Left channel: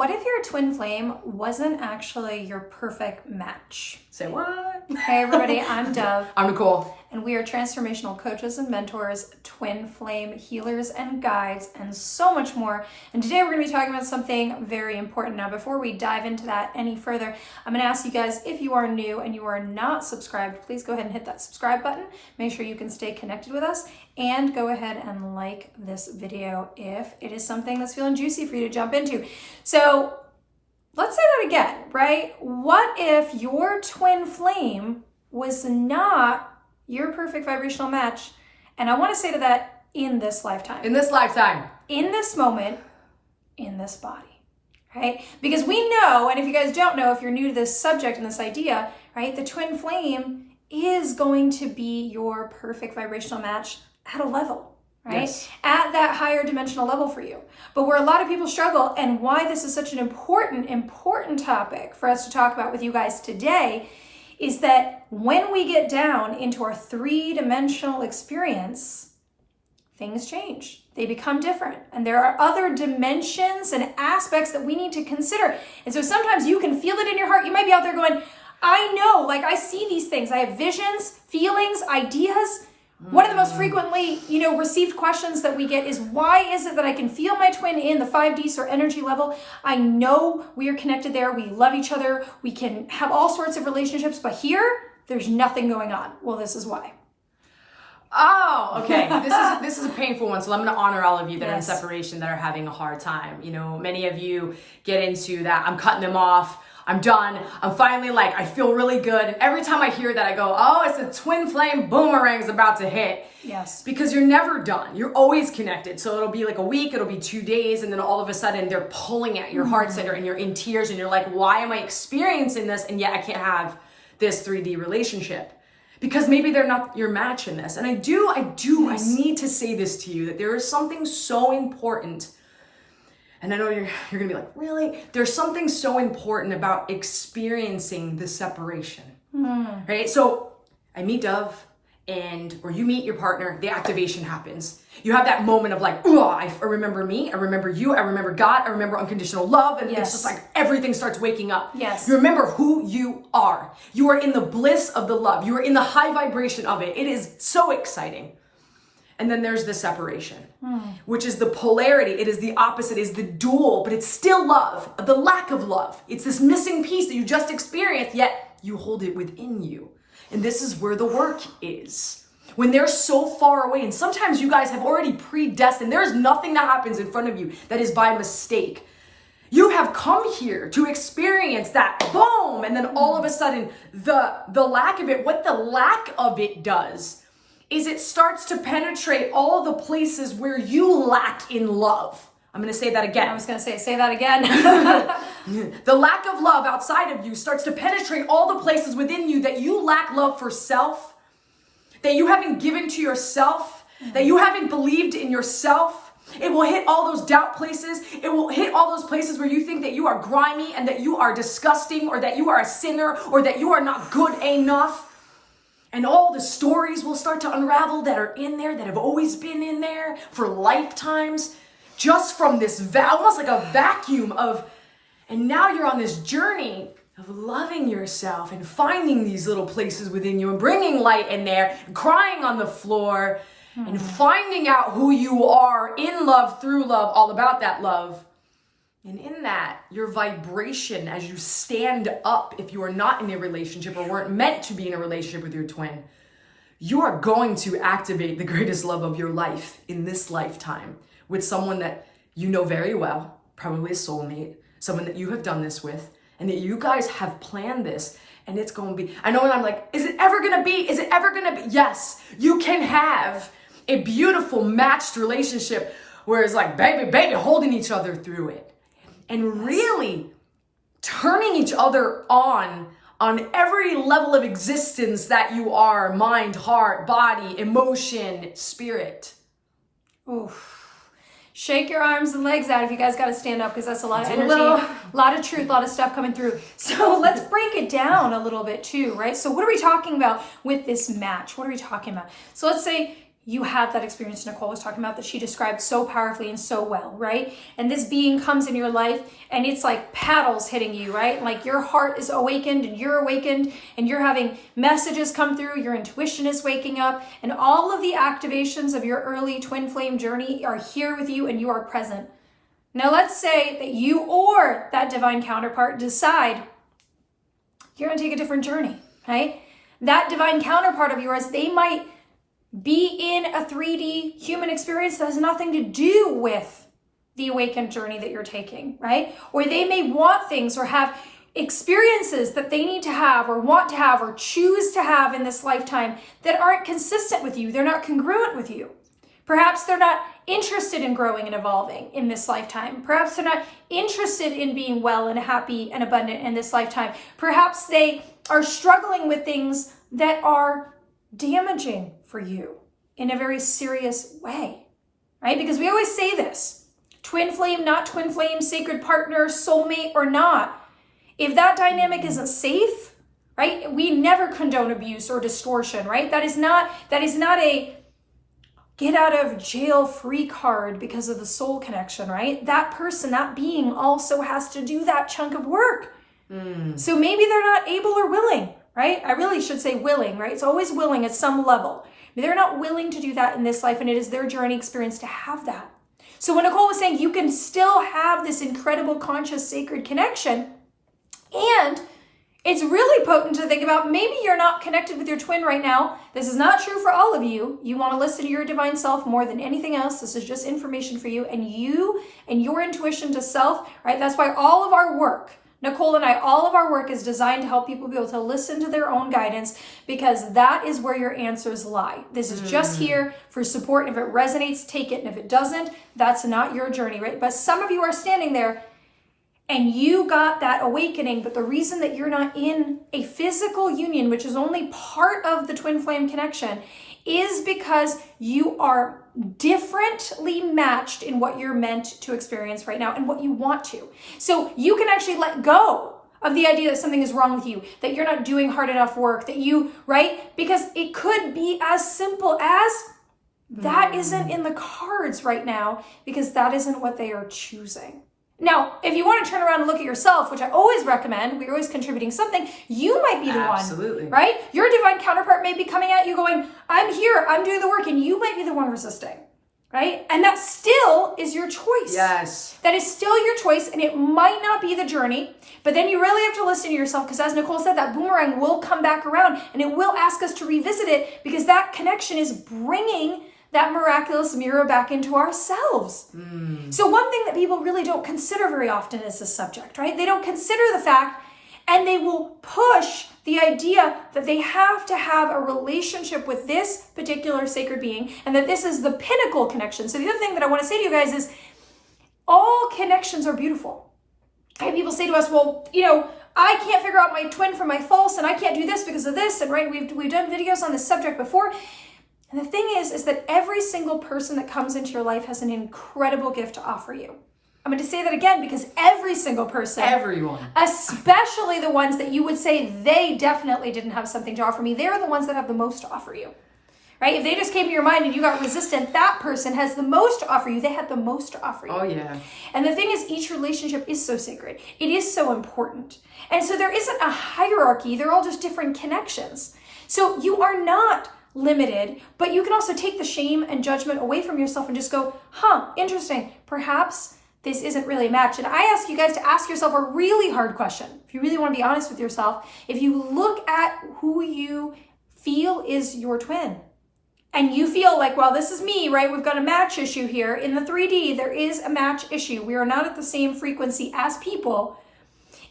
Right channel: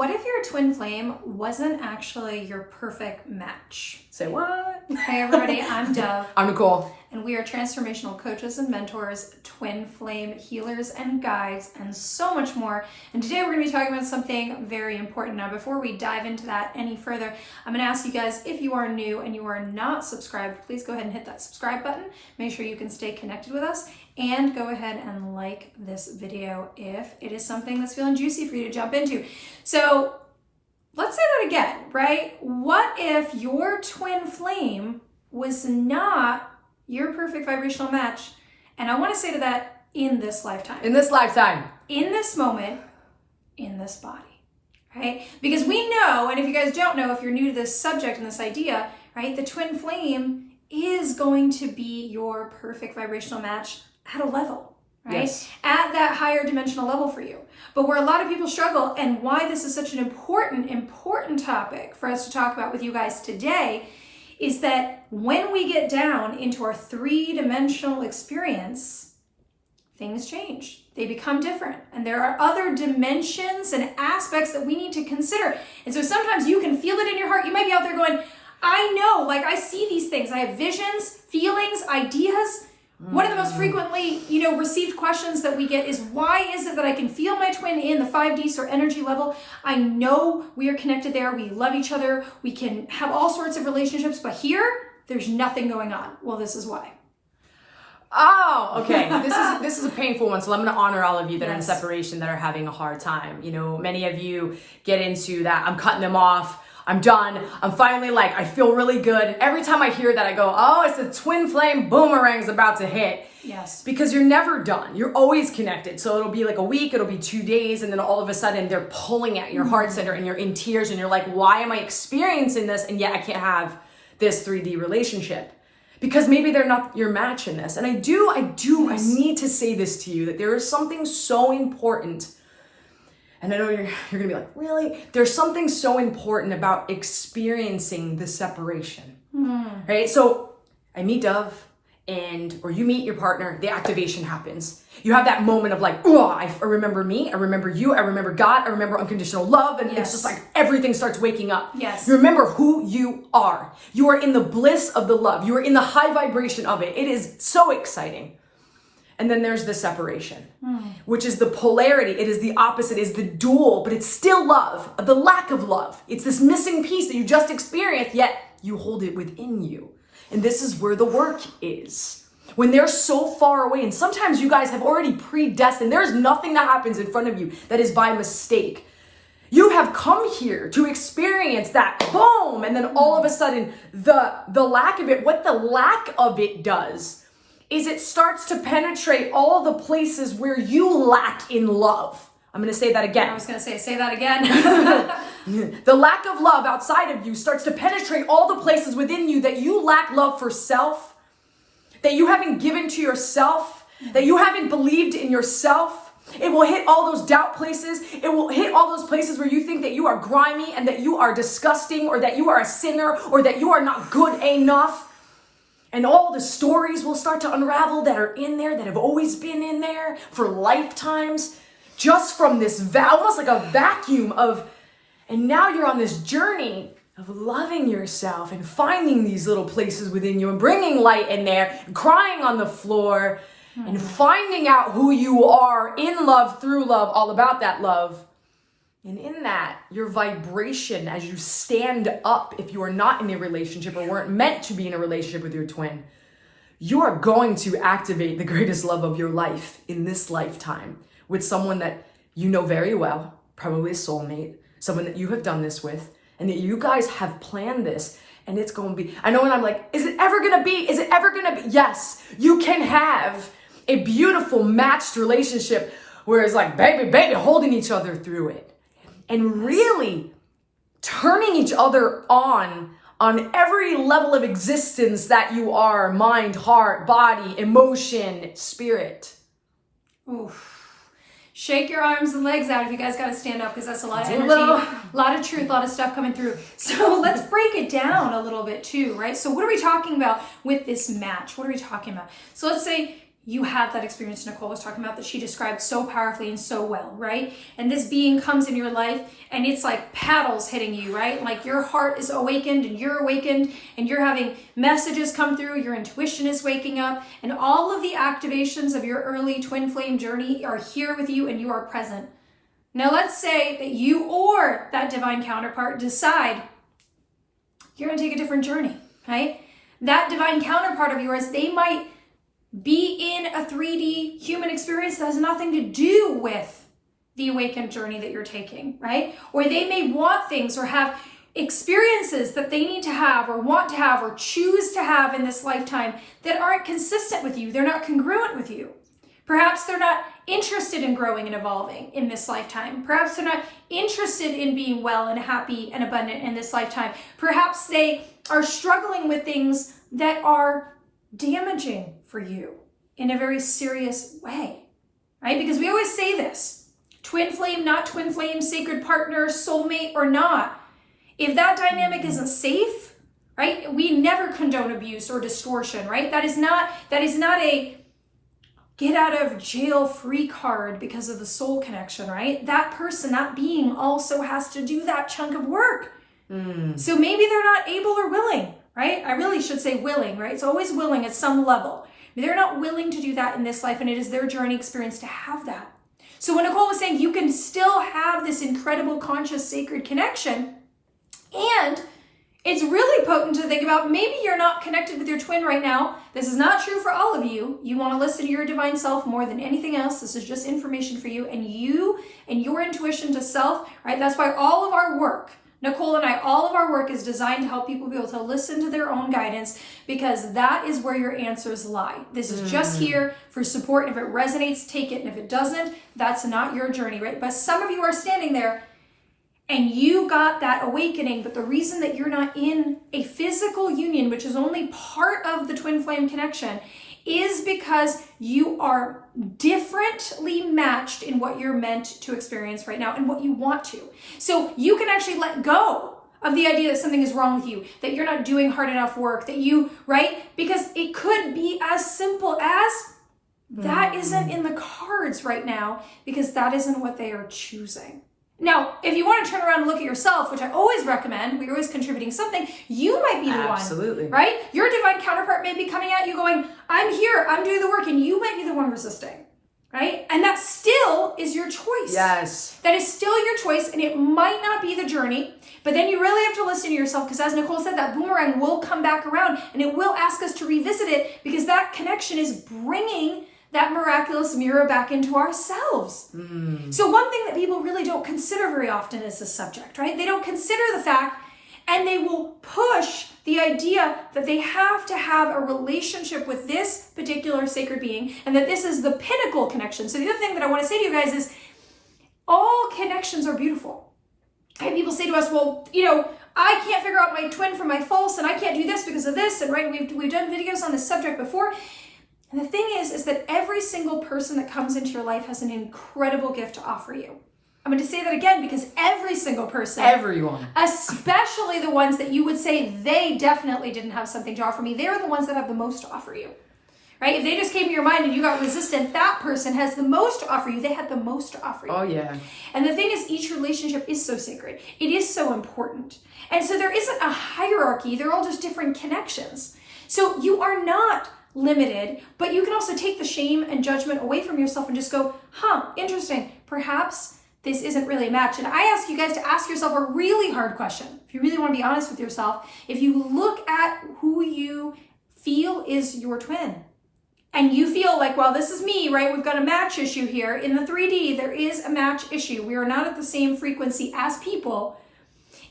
what if your twin flame wasn't actually your perfect match? Say what? Hey everybody, I'm Dove. I'm Nicole. And we are transformational coaches and mentors, twin flame healers and guides, and so much more. And today we're going to be talking about something very important. Now, before we dive into that any further, I'm going to ask you guys, if you are new and you are not subscribed, please go ahead and hit that subscribe button. Make sure you can stay connected with us, and go ahead and like this video if it is something that's feeling juicy for you to jump into. So let's say that again, right? What if your twin flame was not your perfect vibrational match? And I want to say to that, in this lifetime. In this lifetime. In this moment, in this body, right? Because we know, and if you guys don't know, if you're new to this subject and this idea, right, the twin flame is going to be your perfect vibrational match at a level, right? Yes. At that higher dimensional level for you. But where a lot of people struggle, and why this is such an important topic for us to talk about with you guys today, is that when we get down into our three-dimensional experience, things change. They become different. And there are other dimensions and aspects that we need to consider. And so sometimes you can feel it in your heart. You might be out there going, I know, like I see these things. I have visions, feelings, ideas. One of the most frequently, received questions that we get is, why is it that I can feel my twin in the 5D or energy level? I know we are connected there. We love each other. We can have all sorts of relationships, but here, there's nothing going on. Well, this is why. Oh, okay. This is a painful one. So I'm going to honor all of you that are in Yes. separation, that are having a hard time. Many of you get into that. I'm cutting them off. I'm done. I'm finally I feel really good. And every time I hear that, I go, oh, it's a twin flame boomerang's about to hit. Yes. Because you're never done. You're always connected. So it'll be like a week, it'll be 2 days, and then all of a sudden they're pulling at your heart center and you're in tears and you're like, why am I experiencing this? And yet I can't have this 3D relationship. Because maybe they're not your match in this. And I need to say this to you, that there is something so important. And I know you're gonna be like, really? There's something so important about experiencing the separation, right? So I meet Dove, or you meet your partner, the activation happens. You have that moment of oh, I remember me, I remember you, I remember God, I remember unconditional love, and Yes. it's just everything starts waking up. Yes. You remember who you are. You are in the bliss of the love. You are in the high vibration of it. It is so exciting. And then there's the separation, which is the polarity. It is the opposite, is the dual, but it's still love, the lack of love. It's this missing piece that you just experienced, yet you hold it within you. And this is where the work is. When they're so far away, and sometimes you guys have already predestined, there's nothing that happens in front of you that is by mistake. You have come here to experience that, boom, and then all of a sudden, the lack of it, what the lack of it does is it starts to penetrate all the places where you lack in love. I'm going to say that again. I was going to say that again. The lack of love outside of you starts to penetrate all the places within you that you lack love for self, that you haven't given to yourself, that you haven't believed in yourself. It will hit all those doubt places. It will hit all those places where you think that you are grimy and that you are disgusting, or that you are a sinner, or that you are not good enough. And all the stories will start to unravel that are in there, that have always been in there for lifetimes, just from this almost like a vacuum of, and now you're on this journey of loving yourself and finding these little places within you and bringing light in there, and crying on the floor, and finding out who you are in love, through love, all about that love. And in that, your vibration as you stand up, if you are not in a relationship or weren't meant to be in a relationship with your twin, you are going to activate the greatest love of your life in this lifetime with someone that you know very well, probably a soulmate, someone that you have done this with, and that you guys have planned this. And it's going to be, I know when I'm like, is it ever going to be? Is it ever going to be? Yes, you can have a beautiful matched relationship where it's baby, holding each other through it. And really turning each other on every level of existence that you are, mind, heart, body, emotion, spirit. Oof. Shake your arms and legs out if you guys got to stand up, because that's a lot of energy, a lot of truth, a lot of stuff coming through. So let's break it down a little bit too, right? So what are we talking about with this match? What are we talking about? So let's say you have that experience Nicole was talking about that she described so powerfully and so well, right? And this being comes in your life and it's like paddles hitting you, right? Like your heart is awakened and you're having messages come through, your intuition is waking up, and all of the activations of your early twin flame journey are here with you and you are present. Now let's say that you or that divine counterpart decide you're going to take a different journey, right? That divine counterpart of yours, they might be in a 3D human experience that has nothing to do with the awakened journey that you're taking, right? Or they may want things or have experiences that they need to have or want to have or choose to have in this lifetime that aren't consistent with you. They're not congruent with you. Perhaps they're not interested in growing and evolving in this lifetime. Perhaps they're not interested in being well and happy and abundant in this lifetime. Perhaps they are struggling with things that are damaging for you in a very serious way, right? Because we always say this, twin flame, not twin flame, sacred partner, soulmate or not. If that dynamic isn't safe, right? We never condone abuse or distortion, right? That is not a get out of jail free card because of the soul connection, right? That person, that being also has to do that chunk of work. So maybe they're not able or willing, right? I really should say willing, right? It's always willing at some level. They're not willing to do that in this life, and it is their journey experience to have that. So when Nicole was saying you can still have this incredible conscious sacred connection, and it's really potent to think about maybe you're not connected with your twin right now. This is not true for all of you. You want to listen to your divine self more than anything else. This is just information for you and your intuition to self, right? That's why all of our work, Nicole and I, all of our work is designed to help people be able to listen to their own guidance, because that is where your answers lie. This is just here for support. And if it resonates, take it. And if it doesn't, that's not your journey, right? But some of you are standing there and you got that awakening, but the reason that you're not in a physical union, which is only part of the twin flame connection, is because you are differently matched in what you're meant to experience right now and what you want to. So you can actually let go of the idea that something is wrong with you, that you're not doing hard enough work, that you, right? Because it could be as simple as that isn't in the cards right now, because that isn't what they are choosing. Now, if you want to turn around and look at yourself, which I always recommend, we're always contributing something, you might be the Absolutely. one, right? Your divine counterpart may be coming at you going, I'm here, I'm doing the work, and you might be the one resisting, right? And that still is your choice. Yes. That is still your choice, and it might not be the journey, but then you really have to listen to yourself, because as Nicole said, that boomerang will come back around, and it will ask us to revisit it, because that connection is bringing that miraculous mirror back into ourselves. So one thing that people really don't consider very often is this subject, right? They don't consider the fact, and they will push the idea that they have to have a relationship with this particular sacred being, and that this is the pinnacle connection. So the other thing that I want to say to you guys is all connections are beautiful. And people say to us, well, I can't figure out my twin from my false, and I can't do this because of this. And right, we've done videos on this subject before. And the thing is that every single person that comes into your life has an incredible gift to offer you. I'm going to say that again, because every single person, everyone, especially the ones that you would say they definitely didn't have something to offer me, they're the ones that have the most to offer you, right? If they just came to your mind and you got resistant, that person has the most to offer you. They had the most to offer you. Oh yeah. And the thing is, each relationship is so sacred. It is so important. And so there isn't a hierarchy. They're all just different connections. So you are not limited, but you can also take the shame and judgment away from yourself and just go, interesting. Perhaps this isn't really a match. And I ask you guys to ask yourself a really hard question. If you really want to be honest with yourself, if you look at who you feel is your twin, and you feel like, well, this is me, right? We've got a match issue here. In the 3D, there is a match issue. We are not at the same frequency as people.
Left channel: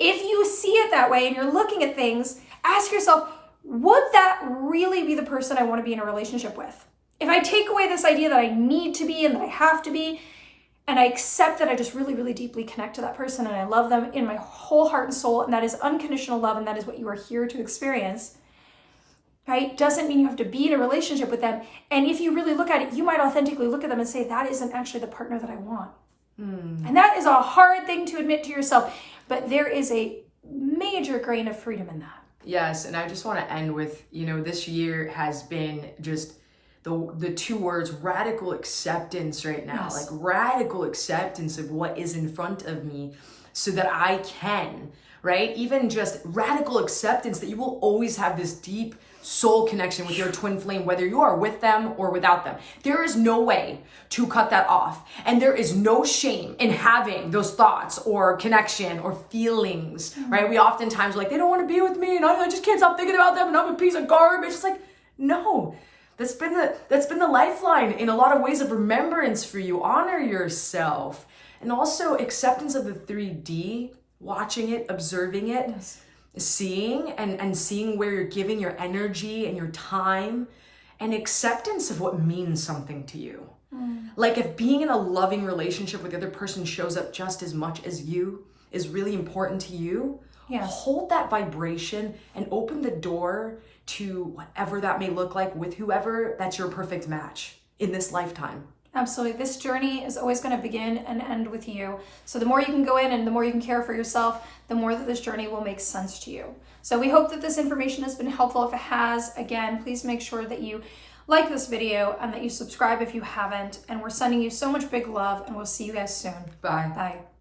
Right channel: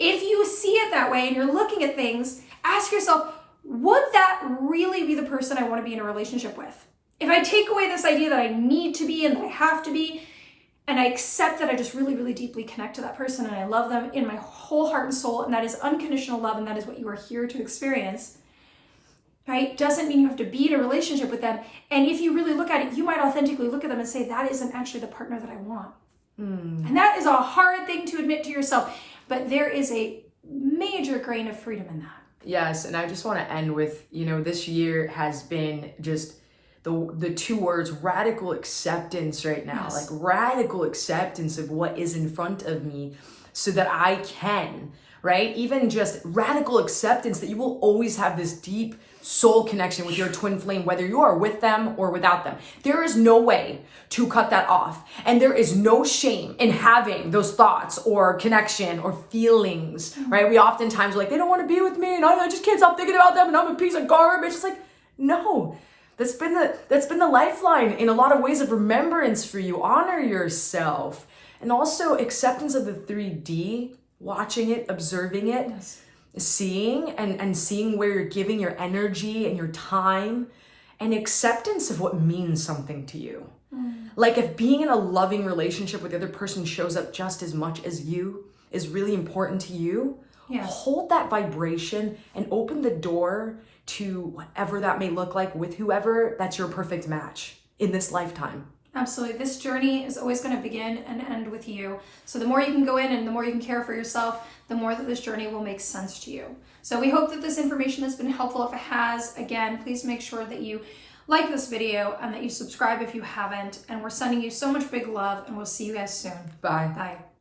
If you see it that way and you're looking at things, ask yourself, would that really be the person I want to be in a relationship with? If I take away this idea that I need to be and that I have to be, and I accept that I just really, really deeply connect to that person and I love them in my whole heart and soul, and that is unconditional love, and that is what you are here to experience, right? Doesn't mean you have to be in a relationship with them. And if you really look at it, you might authentically look at them and say, that isn't actually the partner that I want. And that is a hard thing to admit to yourself, but there is a major grain of freedom in that. Yes, and I just want to end with, this year has been just the two words radical acceptance right now. Yes. Like radical acceptance of what is in front of me so that I can, right? Even just radical acceptance that you will always have this deep soul connection with your twin flame, whether you are with them or without them. There is no way to cut that off. And there is no shame in having those thoughts or connection or feelings, right? We oftentimes are like, they don't want to be with me and I just can't stop thinking about them and I'm a piece of garbage. It's like, no, that's been the lifeline in a lot of ways of remembrance for you. Honor yourself. And also acceptance of the 3D, watching it, observing it, Yes. seeing and seeing where you're giving your energy and your time, and acceptance of what means something to you. Like if being in a loving relationship with the other person shows up just as much as you is really important to you, Yes. hold that vibration and open the door to whatever that may look like with whoever that's your perfect match in this lifetime. Absolutely. This journey is always going to begin and end with you. So the more you can go in and the more you can care for yourself, the more that this journey will make sense to you. So we hope that this information has been helpful. If it has, again, please make sure that you like this video and that you subscribe if you haven't. And we're sending you so much big love, and we'll see you guys soon. Bye. Bye.